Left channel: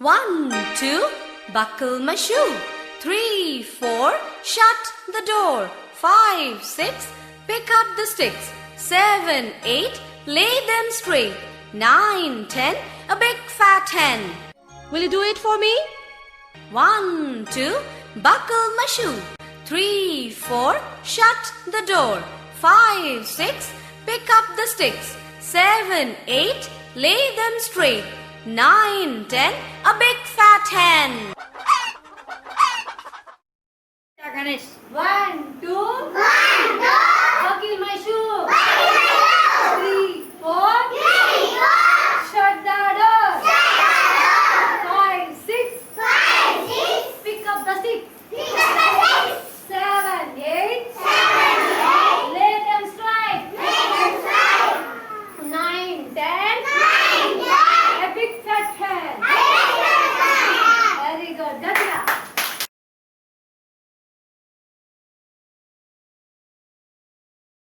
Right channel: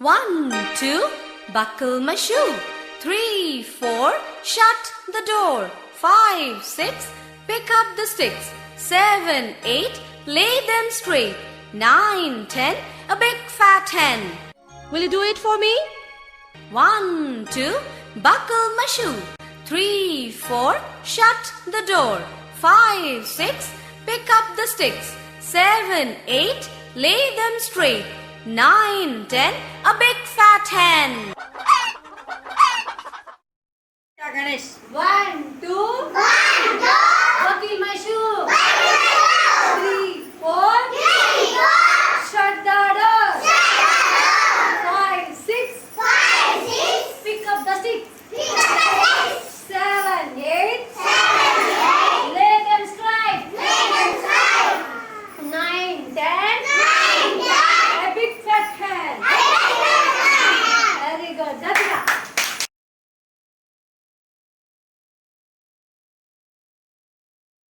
1, 2, buckle my shoe. 3, 4, shut the door. 5, 6, pick up the sticks. 7, 8, lay them straight. 9, 10, a big fat hen. Will you do it for me? 1, 2, buckle my shoe. 3, 4, shut the door. 5, 6, pick up the sticks. 7, 8, lay them straight. 9, 10, a big fat hen. Ganesh. 1, 2, buckle my shoe.